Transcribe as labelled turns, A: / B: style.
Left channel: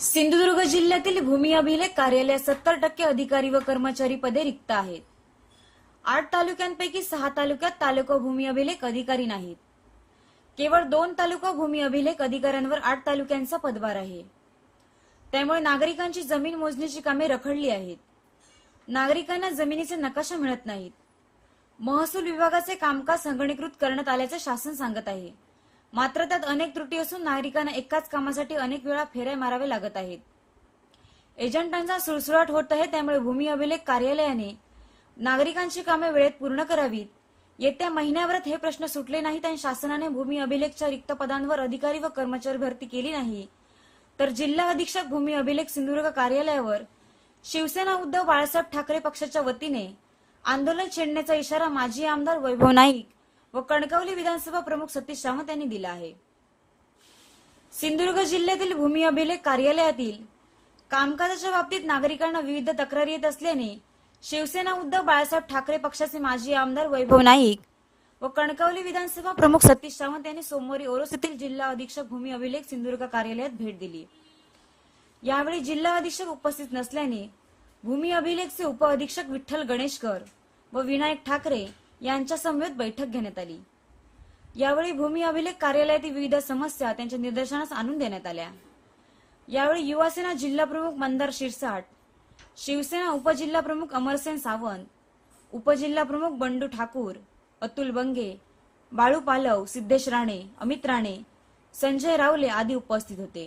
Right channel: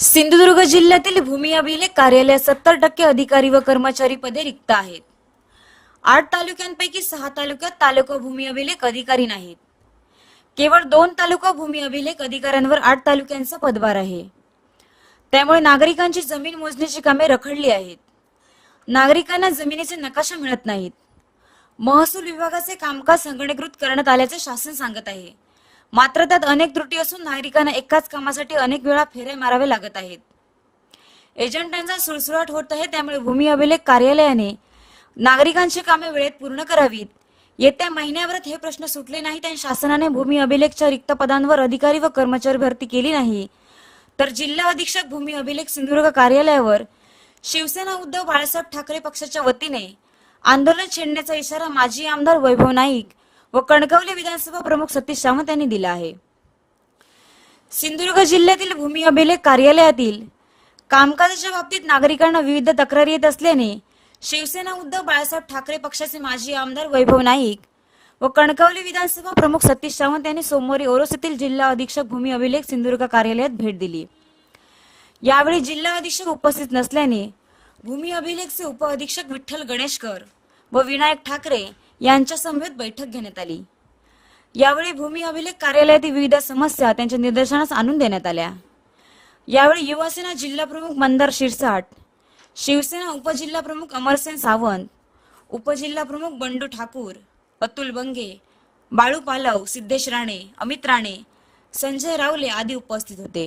A: सिंधुदुर्ग जिल्ह्यातील भूमी अभिलेख कार्यालय सत्तर टक्के अधिकारी व कर्मचारी पदे रिक्त आहेत. आठ तालुक्यांपैकी सहा तालुक्यात तालुका भूमी अभिलेख अधिकारी नाहीत. केवळ दोन तालुका भूमी अभिलेख अधिकाऱ्यांवर आठ तालुक्यांचा पदभार आहे. त्यामुळे नागरिकांची जमीन मोजणीची कामे रखडली आहेत. नागरिकांना जमिनीचे नकाशा मिळत नाहीत. महसूल विभागाचे कामकाज संगणीकृत करण्यात आल्याचे शासन सांगत आहे. मात्र त्यात अनेक त्रुटी असून नागरिकांना एकाच कामासाठी अनेक वेळा फेऱ्या माराव्या लागत आहेत. एजंटांचा सुळसुळाट होत आहे त्यामुळे भूमी अभिलेख कार्यालयाने नागरिकांची कामे वेळेत पूर्ण करावीत. येत्या महिन्याभरात हे प्रश्न सुटले नाहीत आणि शासनाने भूमी अभिलेखच्या रिक्त पदांवर अधिकारी व कर्मचारी भरती केली नाही. तर जिल्हा अधीक्षक भूमी अभिलेख सिंधुदुर्ग कार्यालयावर शिवसेना उद्धव बाळासाहेब ठाकरे पक्षाच्या वतीने आंदोलन छेडण्याचा इशारा माजी आमदार वैभव नाईक व कणकवली विधानसभा प्रमुख सतीश सावंत यांनी दिला आहे. सिंधुदुर्ग जिल्ह्यातील भूमी अभिलेख कार्यालयातील कामकाजाच्या बाबतीत नागरिकांना विविध तक्रारी येत असल्याने शिवसेना उद्धव बाळासाहेब ठाकरे पक्षाचे माजी आमदार वैभव नाईक व कणकवली विधानसभा प्रमुख सतीश सावंत यांनी सोमवारी ओरोस येथील जिल्हा अधीक्षक भूमी अभिलेख सिंधुदुर्ग कार्यालयात भेट दिली. यावेळी जिल्हा अधीक्षक उपस्थित नसल्याने भूमी अभिलेखचे उप अधीक्षक विठ्ठल गणेशकर व विनायक ठाकरे यांच्या समवेत बैठक घेण्यात आली. यावेळी भूमी अभिलेख कार्यालयातील विविध समस्या त्यांच्या निदर्शनास आणून देण्यात आल्या. यावेळी युवासेना जिल्हा प्रमुख मंदार शिरसाट शिवसेना उपजिल्हा प्रमुख अमरसेन सावंत उपजिल्हा प्रमुख बंडू ठाकूर अतुल बंगे बाळू पालव सिद्धेश राणे अमित राणे संजय रावले आदी उपस्थित होते.